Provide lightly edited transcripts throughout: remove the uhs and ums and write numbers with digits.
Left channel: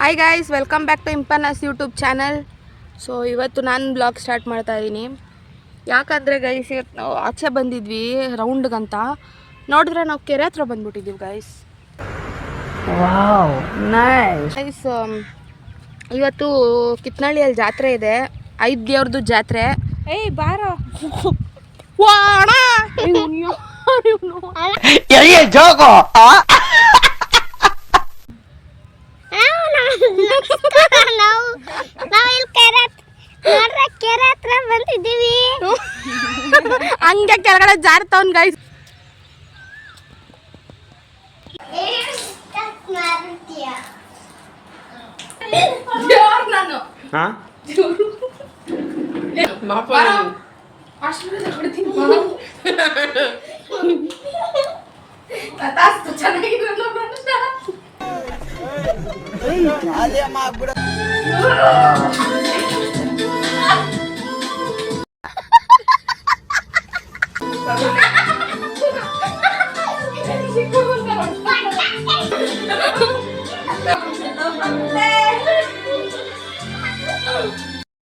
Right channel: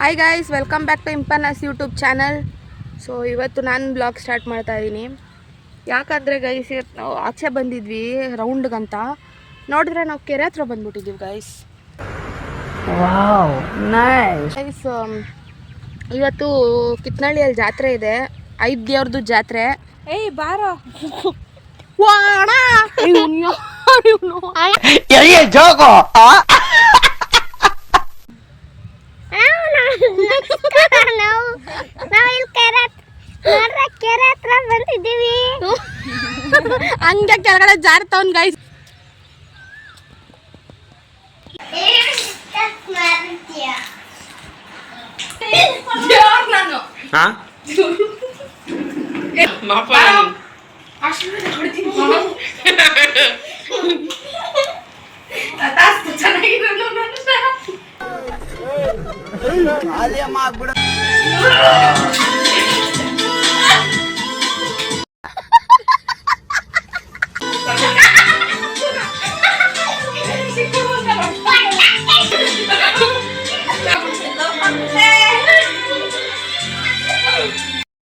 Hi guys, welcome back to ಇಂಪರ್ನಸ್ YouTube channel. So ಇವತ್ತು ನಾನು ಬ್ಲಾಗ್ ಸ್ಟಾರ್ಟ್ ಮಾಡ್ತಾ ಇದ್ದೀನಿ. ಯಾಕಂದರೆ ಗೈಸ್, ಇವತ್ತು ನಾವು ಆಚೆ ಬಂದಿದ್ವಿ ರೌಂಡ್ಗಂತ. ನೋಡಿದ್ರೆ ನಾವು ಕೆರೆ ಹತ್ರ ಬಂದ್ಬಿಟ್ಟಿದ್ದೀವಿ ಗೈಸ್. Wow, nice. ಗೈಸ್, ಇವತ್ತು ಕಿತ್ನಳ್ಳಿಯಲ್ಲಿ ಜಾತ್ರೆ ಇದೆ, 5 ದೇವ್ರದ್ದು ಜಾತ್ರೆ. ಏಯ್ ಬಾರೋ ವಾಣ ಜೋಗೋ ಕೆರೆ ಹತ್ರ ಬಂದಿದ್ದೀವಿ. ಹಂಗೆ ಕೆಳಗಡೆ ಜಾರ್ತವನ್ ಗೈಸ್.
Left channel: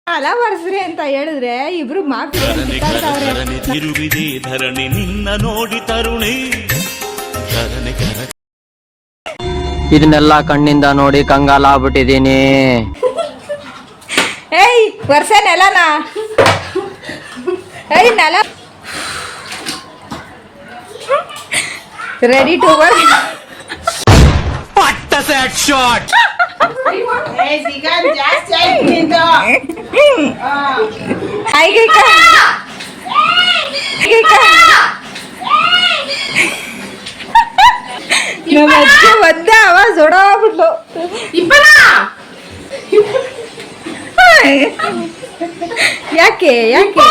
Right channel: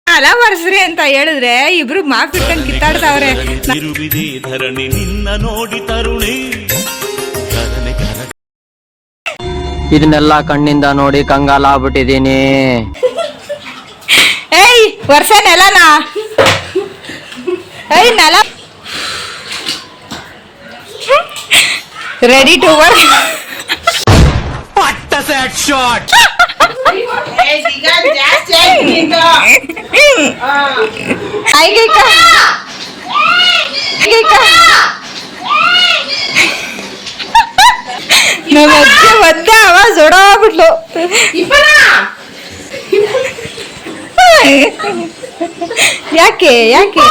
ಅಲ ಬರ್ಸ್ರಿ ಅಂತ ಹೇಳಿದ್ರೆ ಇಬ್ರು ಮಾರ್ಕ್ಸ್ಕೊಂಡು ಕಿತ್ತಾಡ್ತಾವ್ರೆ. ತಿರುವಿದೆ ಧರಣಿ ನಿನ್ನ ನೋಡಿ ತರುಣಿ. ಇದನ್ನೆಲ್ಲ ಕಣ್ಣಿಂದ ನೋಡಿ ಕಂಗಾಲಾಗ್ಬಿಟ್ಟಿದೀನಿ. ಏಯ್ ವರ್ಷ ನೆಲನಾ? ಏಯ್ ನೆಲ ರೆಡಿ ಟು ವರ್ಕ್. ಪಟ್ಟ ಸೆಟ್ ಶಾಟ್. ನಮ್ಮ ಅಜ್ಜಿ ಒದ್ದೆ ಆವಾಜ್ ಹೊಡೋಗ್ಬಿಟ್ಲು. ಯಾಕೆ ಯಾಕೆ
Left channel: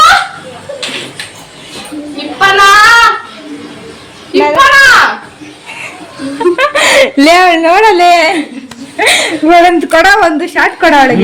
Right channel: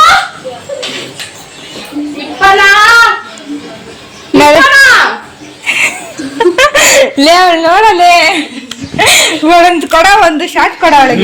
ಲೇ ನೋಡಲೇ ಒಂದು ಕೊಡ, ಒಂದು ಶಾರ್ಟ್ ಕೊಡ ಅವಳಿಗೆ.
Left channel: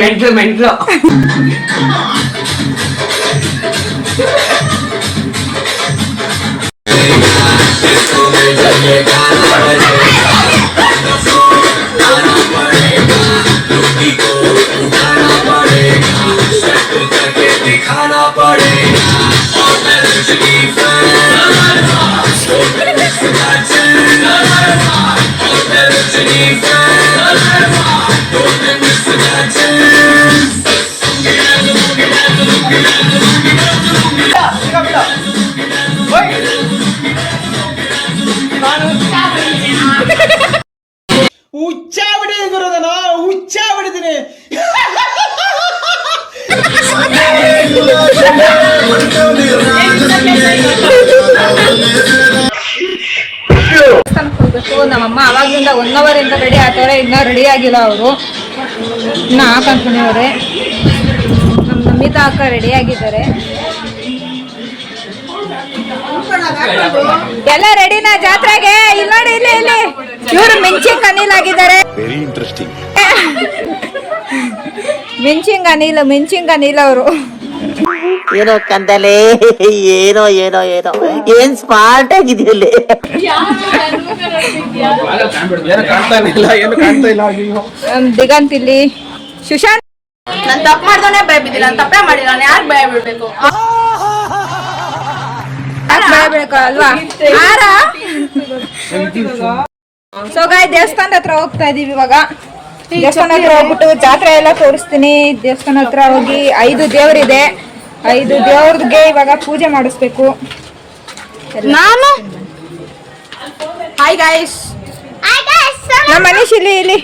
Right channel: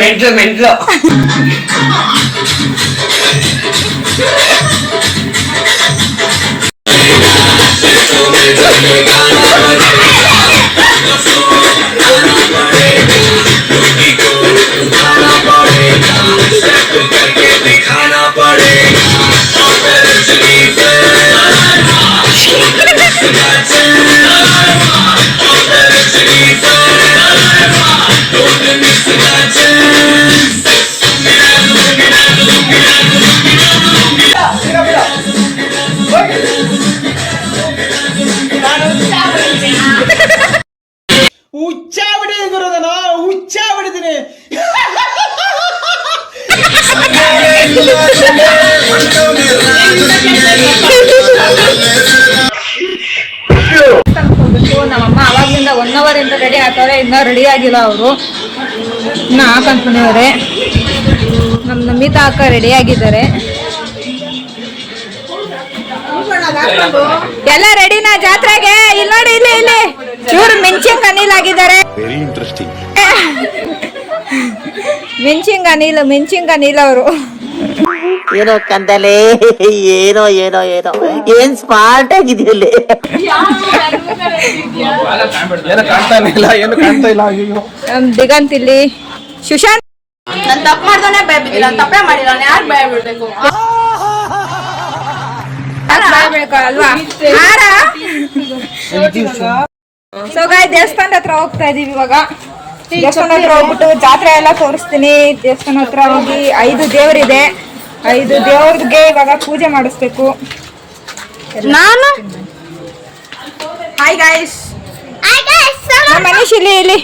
ಹುಚ್ಚ ಬಿಟ್ಟಿದ್ದೀನಿ ಗುರುದನ, ಹುಚ್ಚ ಬಿಟ್ಟಿದ್ದೀನಿ. ನಮ್ಮಮ್ಮ ಅವಾಗ್ಲಿಂದ 1 hour ಇಂದ ರೆಡಿ ಆಗ್ತಾರೆ, ಇನ್ನೂ ರೆಡಿ ಆಗಿಲ್ಲ ಅವರು. ಇನ್ನ ಹಾಕಂದ್ಕೊಂಡವ್ರೆ. ನಮ್ಮ ನಮಿತಾ ಅಕ್ಕ ರೆಡಿ ಆಗಿದ್ದಾರೆ. ಎಲ್ಲ ರೆಡಿನಾ ಜಾತ್ರೆಗೆ? ಇಲ್ಲಿ ನೋಡಿ, ಇಲ್ಲಿ ಇಲ್ಲಿ ಚೂರು ಮಿಂಚಿಂಗ್ ಅನಿಲ್ ಆಗಿದ್ದಾರೆ. Very interesting. ಮಿಂಚಿಂಗ್ ಅನಿಲ್ ಅವರು. ಏನೋ ಕಂದಲೆ, ಏನೋ ಏನೋ ಏನೋ ಏನ್ ಸ್ಮಾರ್ಟ್ ಆಗಿದೆಯಲ್ಲಿ. ದಿಗಂತ್ ಇಲ್ಲಿ, ಸುಶಾಂತ್. ನಾನು ತಪ್ಪು ಮಾಡ್ದೋನೆ ಭಯ ಬಿದ್ದಿಲ್ಲ, ನಾನು ತಪ್ಪೇ ಮಾಡಿಲ್ಲ. ನಾನು ಯಾಕೆ ಭಯ ಬಿಡ್ಬೇಕು? ಅಲ್ವಾ? ಸೊ ಗಾಯ್, ದೇವಸ್ಥಾನದ ಹತ್ರ ಹೋಗ್ತಾ ಇದೀವಿ ಇವಾಗ. ದೇವಸ್ಥಾನ ಹತ್ರ ಹೋಗ್ಬಿಟ್ಟು ಜಾತ್ರೆ ಎಲ್ಲ ತೋರಿಸ್ತೀನಿ. ದೇವಸ್ಥಾನ ಹತ್ರ ಹೋಗಿ 5 ದೇವರಿದೆ, 5 ದೇವ್ರಿಗೆ ಇವಾಗ ಪೂಜೆ ಮಾಡಿಸ್ಬೇಕು. ನಾನು ಹಾಯ್ ಗೈಸ್, ನಮ್ಮ ಮನೀಶ್ ಇಲ್ಲಿ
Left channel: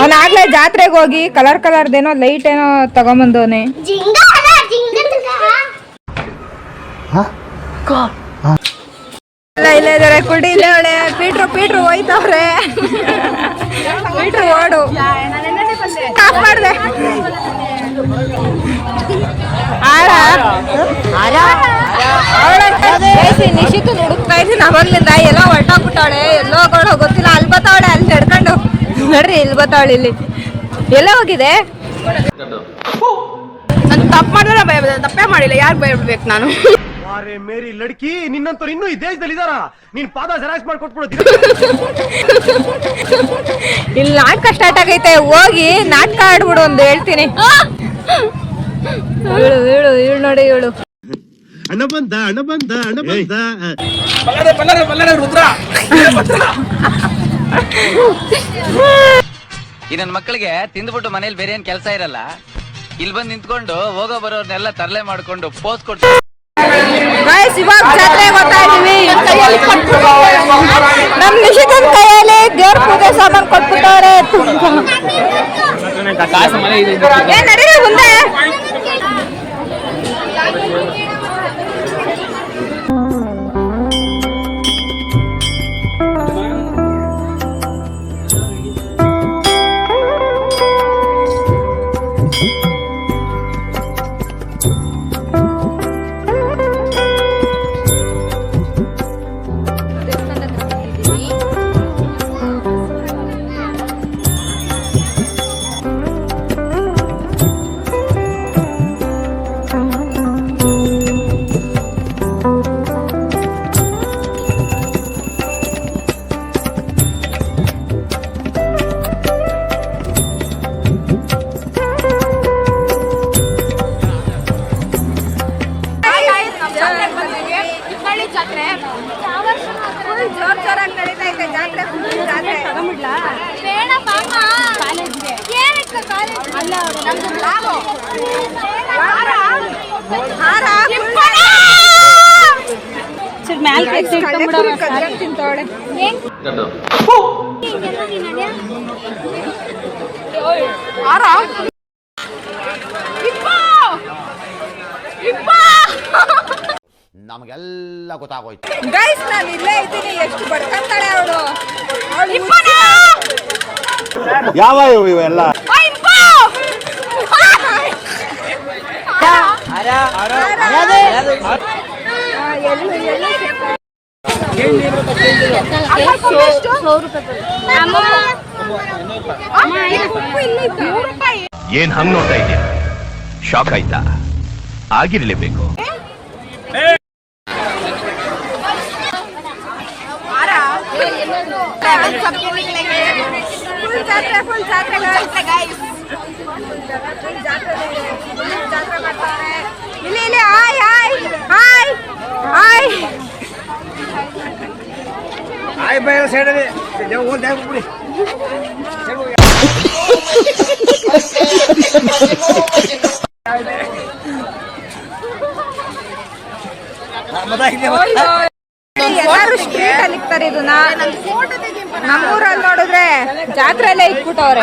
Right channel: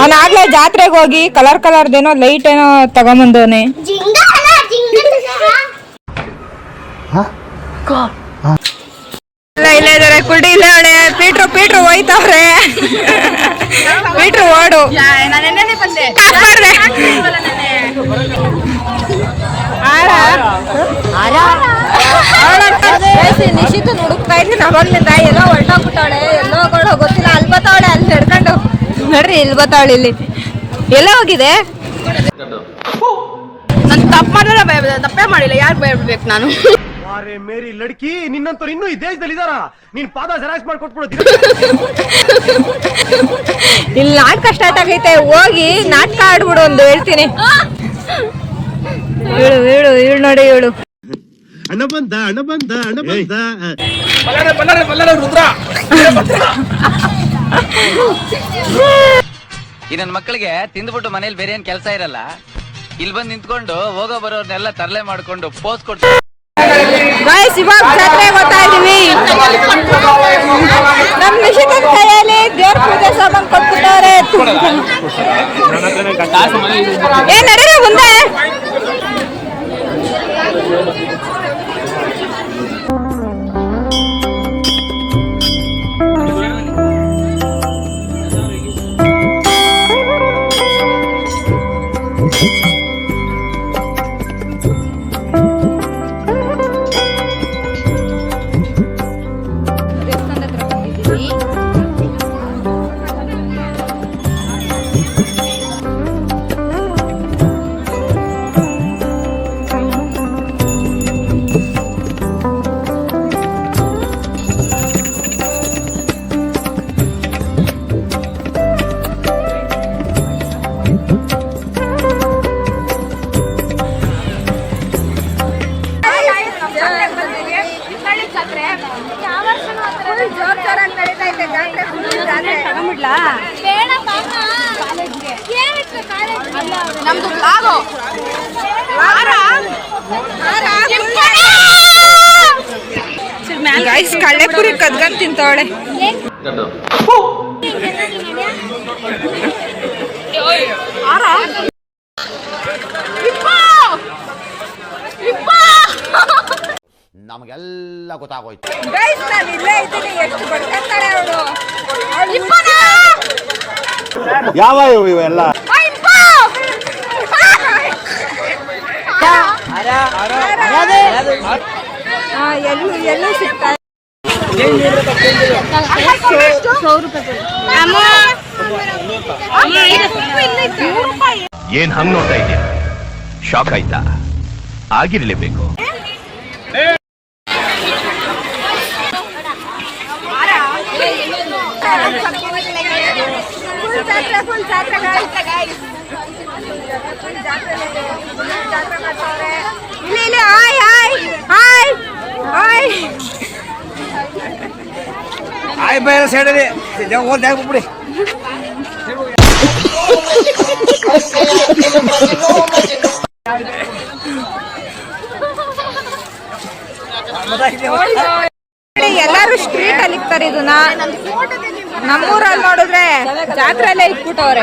ಅವನ ಆಗ್ಲೇ ಜಾತ್ರೆಗೆ ಹೋಗಿ ಕಲರ್ದೇನೋ ಲೈಟ್ ಏನೋ ತಗೊಂಬಂದವನೆ. ಇಲ್ಲೇ ಇದಾರೆ ಕುಡಿ, ಇಲ್ಲೇ ಹೊಡೆ. ಪೀಟ್ರು ಹೋಯ್ತವ್ರೆ. ಪೀಟ್ರು ಓಡು. ಮಾಡ್ದೆ ನಿಶಿತು ಹುಡುಕ್ತಾ ಇದ್ದೀನಿ ಅವಾಗ್ಲಿಂದ. ಎಲ್ಲೋ ಹೊರಟೋಗ್ಬಿಟ್ಟವಳೆ, ಎಲ್ಲೋ ಹೋಗೋಳು ಗೊತ್ತಿಲ್ಲ. ಅಲ್ಲಿ ಬತ್ತಾವಳೆ, ಅಲ್ಲಿ ನಡ್ಕೊಂಡು ನೋಡ್ರಿ, ಇಲ್ಲಿ ಬತ್ತಾವಳೆ. ಇಲ್ಲಿ ಎಲ್ಲ ಹೋಗಿದೆ? ನಾನು ತಪ್ಪು ಮಾಡಿದ್ರೆ ಭಯ ಬಿದ್ದ, ತಪ್ಪೇ ಮಾಡಿಲ್ಲ. ಯಾಕೆ ಭಯ ಬಿಡ್ಬೇಕು ನಾನು? ಅರೆ ಮೇರಿ ಲಡ್ಕಿ, ನಿನ್ನಂತವ್ರು ಇನ್ನೂ ಈ ದೇಶದಲ್ಲಿ ಇದಾರ? ನೀನ್ ಪಾದ ಜೆರಾಕ್ಸ್ ಮಾಡ್ಕೊಟ್ಬಿಡೋದು. ಇಲ್ಲಿ ನಾಟಕ ಸ್ಟಾರ್ಟ್ ಆಗೈತೆ, ಹೋಗಿ ನಾಟಕ ಆಡ್ಬಿಡು ಒಂದು ಹೇಳ್ತೀನಿ. ಹೇಳು ನೋಡಿ ಹೇಳು. ಅಣ್ಣ ಬಂದ ರುದ್ರ. ಈ ನನ್ನ ಮಕ್ಕಳಿಗೆ ತಿಂದ್ಬಿಟ್ಟು ಮನೇಲಿ ಬೇರೆ ಏನ್ ಕೆಲಸ ಇರಲ್ಲ, ಇಲ್ಲಿ ಬಂದು ನಿಂತ್ಕೊಂಡು ಹೋಗೋ ಬರೋರ್ನೆಲ್ಲ ತರಲೆ ಮಾಡ್ಕೊಂಡು ಪೋಸ್ ಕೊಟ್ಟು ಇವಾಗ ಜಾತ್ರೆ ಗೊತ್ತಾ ಇದೀವಿ. ನಮ್ ನಿಷಿಕನ್ ಕೈಯಲ್ಲಿ ದೇವ್ರ ಪೂಜೆ ಸಾಮಾನು ಕೊಟ್ಬಿಟ್ಟವ್ರೆ. ಏನ್ ನಡೀರಿ ಮುಂದೆ. ಜೋರಾಗಿ ನಡೀತಾ ಇದೆ ಜಾತ್ರೆ. ಕಳ್ಳೆಪುರಿ ಕದ್ಕೊಂಡ್ ತಿಂತವಳೆ. ನಮಗೆಲ್ಲ ಗೊತ್ತಾಗೋಯ್ತು. ಗೈಸ್ ನಾನು ಇಲ್ಲೇ ಇದ್ದೀನಿ, ಎಷ್ಟು ಬಡ್ಕಂತಾಳೆ ಅವಳು. ಯಾವ ಇವೆಲ್ಲ ಎಲ್ಲೂ ಸಿಗ್ತಾ ಏನ್ ಹಂಗ್ ನೋಡ್ತಾ ಇದೆಯಾ? ಶಾಕ್ ಆಯ್ತಾ? ಆಗಿರ್ಲೇಬೇಕು. ಫುಲ್ ಜಾತ್ರೆ ಜಾತ್ರೆ ಮಾಡ್ತಾರೆ ಇಲ್ಲಿ. ಹಾಯ್ ಹಾಯ್ ಹಾಯ್ ಹಾಯ್ ಆಯ್ ಬೇರೆ ಸೈಡಲ್ಲಿ ಹೋಗ್ಬಿಡಿ. ಎಲ್ಲಾರು ಸ್ಟ್ರೀಟ್ ಅಲ್ಲಿ ಇಕ್ತಾರೆ ಇದನ್ನ. ನಮ್ಮೂರಲ್ಲಿ ನೋಡಿದ್ರೆ ಜಾತ್ರೆಲ್ಲೇ ಇಟ್ಬಿಟ್ಟವ್ರೆ.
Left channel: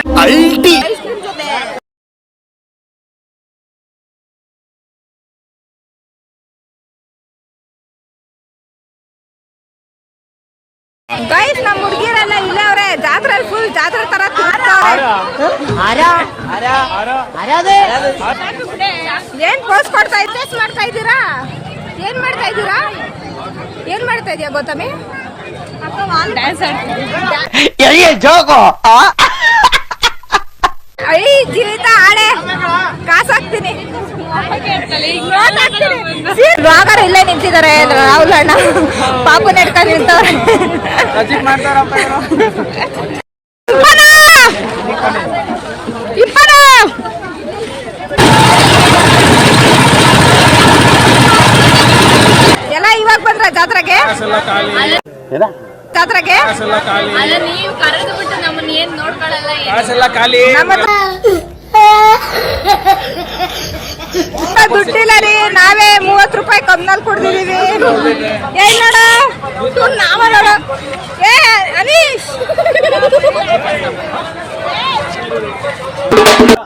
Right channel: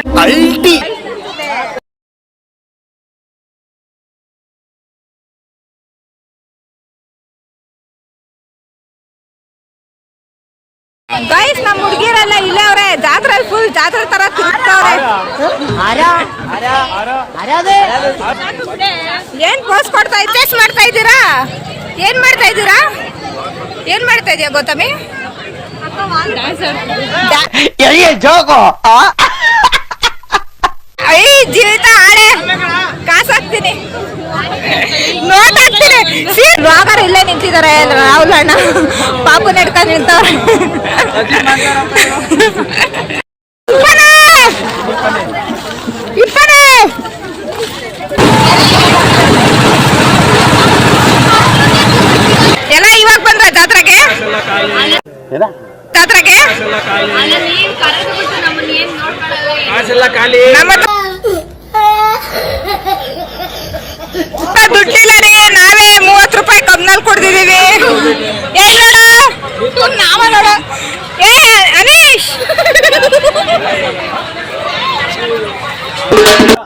ಗೈಸ್ ನಮ್ಮ ಹುಡುಗಿರೆಲ್ಲ ಇಲ್ಲೇ ಅವ್ರೆ ಜಾತ್ರೆಯಲ್ಲಿ ಫುಲ್ ಜಾತ್ರೆ ತರ ಏನ್ ಪೋಸ್ ಮಾಡ್ತಾ ಇದ್ದೀರಾ? ಏನ್ ಮಾಡ್ತಾ ಇದೀಯಾ ಗೌತಮಿ? ಐ ಜೀವಿತ ಆಳೆ ಕಾಸಾಕ್ತೀನಿ, ರಾಗರ್ ಇಲ್ಲೇ ನಿಂತಿದ್ದಾರೆ. ರಾಹುಲ್ ಅಣ್ಣ ಪಾಪು ನೆಡ್ಕೊಂಡು ನಿಂತವ್ರೆ. ಎಲ್ಲ ಇವಾಗ ಬಂದ್ರ ಜಾತ್ರೆಗೆ ದುಡ್ಡಿಲ್ಲ ರೀ, ನಾವೇ 30 ರೂಪಾಯಿ ಕಬ್ನಲ್ಲಿ ಕೊಡ್ತಿದೀವಿ. ಅನೀಶ್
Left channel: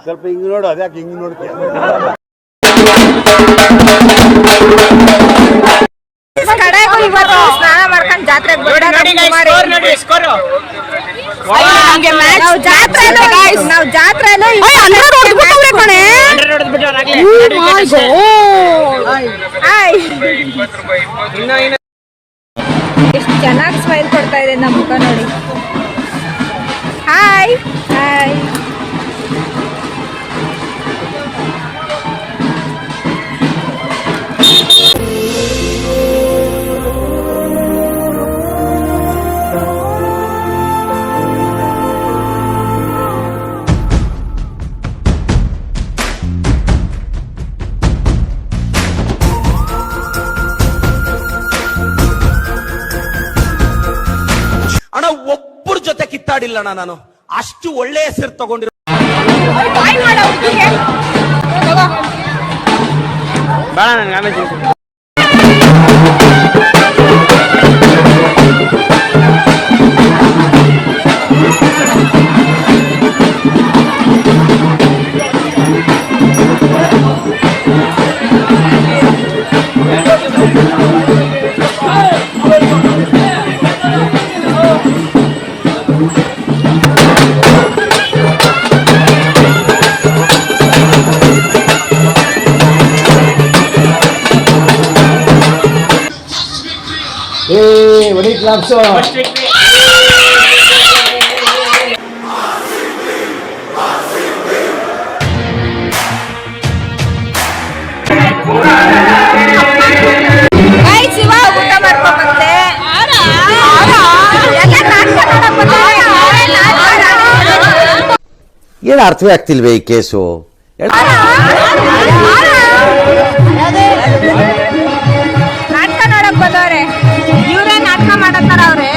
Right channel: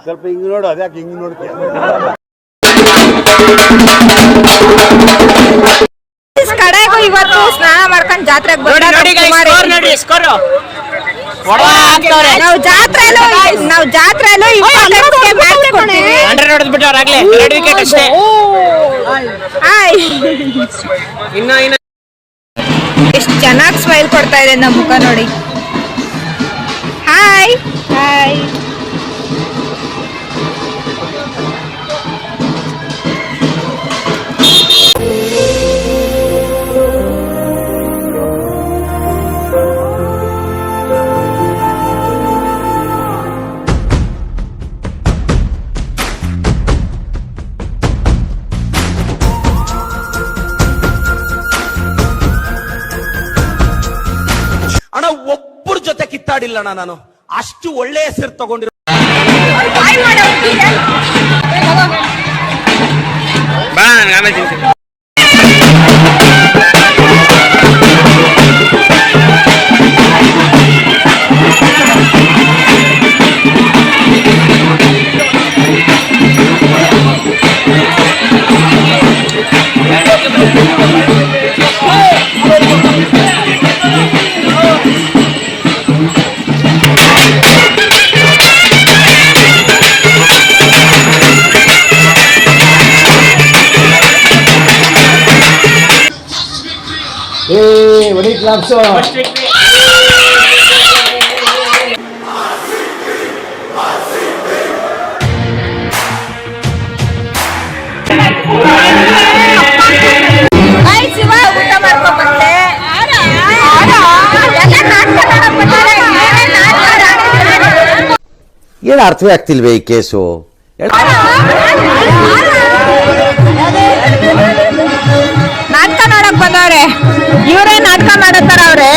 ಸ್ವಲ್ಪ ಹಿಂಗ್ ನೋಡು, ಅದ್ಯಾಕೆ ಹಿಂಗ್ ನೋಡ್ತೀಯ? ಕಡೆಗೂ ಇವತ್ತು ಸ್ನಾನ ಮಾಡ್ಕೊಂಡು ಜಾತ್ರೆಗೆ ಬಂದಾಗ ನಾವು ಜಾತ್ರೆಲ್ಲೂ ಎಷ್ಟು ಚೆನ್ನಾಗಿ ಸ್ಮೈಲ್ ಕೊಡ್ತಾ ಇದೆ ನಮ್ಮ ಮುಖ ನೋಡಿ. Hi hi. ಒಬ್ಬರ ಜೊತೆ ಕಿತ್ತಾಡಿಲ್ಲಣ್ಣ ನಾನು. ಅಷ್ಟು ಒಳ್ಳೆ ಹೆಸರು ತಗೊಂಡಿರೋ ಬಾ ನನಗೆ ಆಮೇಲೆ ತಿಂತೀನಿ. What claps ಊಟ ಮಾಡ್ಕೊಂಡ್ ಬಂದೆ. ಏನು ಅರ್ಥವೇ ಆಗ್ತಿಲ್ವೇ ಈ ಕೇಸು? ನಾಟಕ ನೋಡಕ್ ಬಂದವ್ರೆ, ಇವರೇ ನಾಟಕ ಮಾಡತ್ತಾರ ಅವ್ರೆ.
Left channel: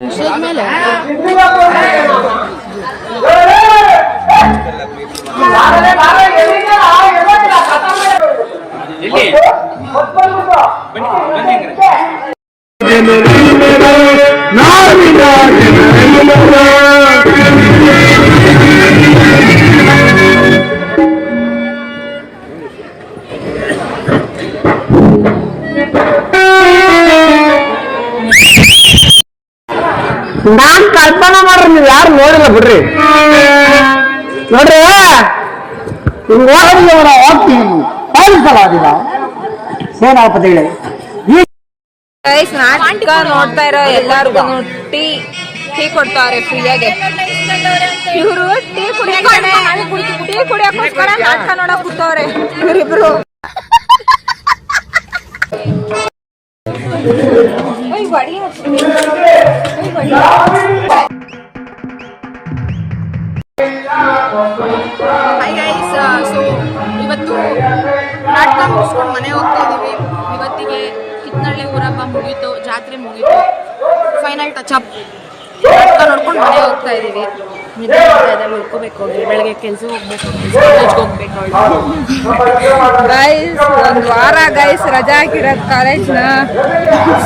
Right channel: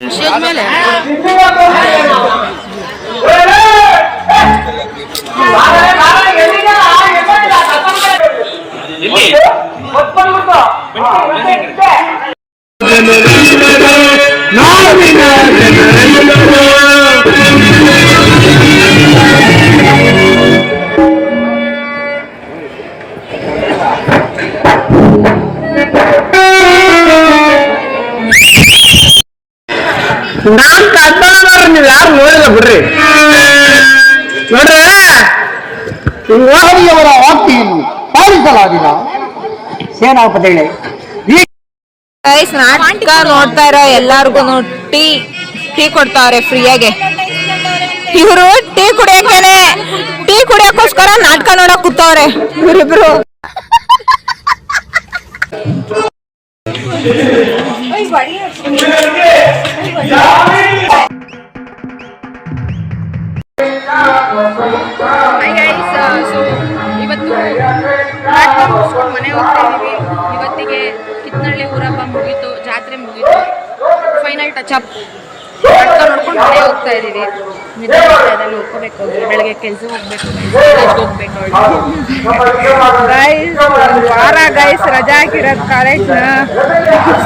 ಸ್ಟೇಜ್ ಮೇಲೆ ನಾನ್ ಕಲ್ಪನಾ ಮಾಡ್ರಿ, ನೀವ್ ಯಾರು ನೋಡಿಲ್ಲ ಬಿಡ್ರಿ. ನೋಡ್ರಿ ಏನಾಗ್ತದೆ ಹೇಳಿ. ನಾಟಕ ನೋಡ್ತಾ ಇರೋ ಎಲ್ಲಾರ್ಗು ಟೀ ಕೊಡ್ತಾವ್ರೆ ಫ್ರೀಯಾಗೆ. ಇವರು ಟೀ ಕುಡಿಯೋಕ್ಕೋಸ್ಕರ ನಾಟಕ ನೋಡಕ್ ಕೂತವ್ರೆ ಇವರಿಬ್ರು. ಹಾಯ್ ಗೈಸ್, ಸೊ ಇವತ್ತು ನಾಟಕ ಮುಗಿಸ್ಕೊಂಡು ಮನೆ ಹೋಗ್ತಾ ಇದ್ದೀವಿ. ಇವತ್ತಿಗೆ ಕಿತ್ತನಹಳ್ಳಿ ಊರಬ್ಬ ಮುಗೀತು, ಜಾತ್ರೆ ಮುಗೀತು, ಫೈನಲ್ ಟಚ್ ಅಪ್. ನಾಟಕ ನೋಡ್ಕೊಂಡು ಮನೆ ಹೋಗ್ತಾ ಇದ್ದೀವಿ. ನಿದ್ದೆ ಬರ್ತಾ ಇದೆ, ಉಳ್ಕೋಬೇಕು, ಹೋಗಿ ಬೆಳಗ್ಗೆ ಕೆಲ್ಸಕ್ಕೆ ಹೋಗ್ಬೇಕು, ಕಾಲೇಜ್ಗೆ ಹೋಗ್ಬೇಕು. ಗೈಸ್ ಒಂದು ವಾರ ಗೈಸ್ ರಜಾ ಹಾಕಿರೋದು ಕಾಲೇಜ್ನ.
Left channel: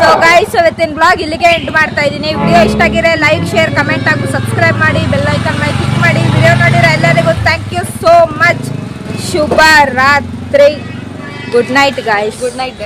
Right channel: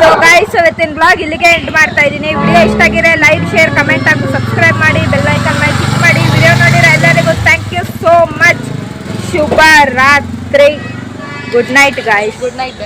ಸೊ ಗೈಸ್ ಇವತ್ತಿನ ಬ್ಲಾಗ್ ಇಲ್ಲಿಗೆ ಎಂಡ್ ಮಾಡ್ತಾ ಇದ್ದೀನಿ. ವಿಡಿಯೋ ಇಷ್ಟ ಆಗಿದ್ರೆ ಲೈಕ್, ಶೇರ್, ಕಮೆಂಟ್ ಹಾಗೂ ಸಬ್ಸ್ಕ್ರೈಬ್ ಮಾಡಿ, ಬೆಲ್ ಐಕನ್ ಮೇಲೆ ಕ್ಲಿಕ್ ಮಾಡಿ. ವಿಡಿಯೋ ನೋಡಿರೋ ಎಲ್ಲರಿಗೂ ಥ್ಯಾಂಕ್ ಯು ಸೋ ಮಚ್. ಶುಭ ರಾತ್ರಿ. Good night guys. Good night.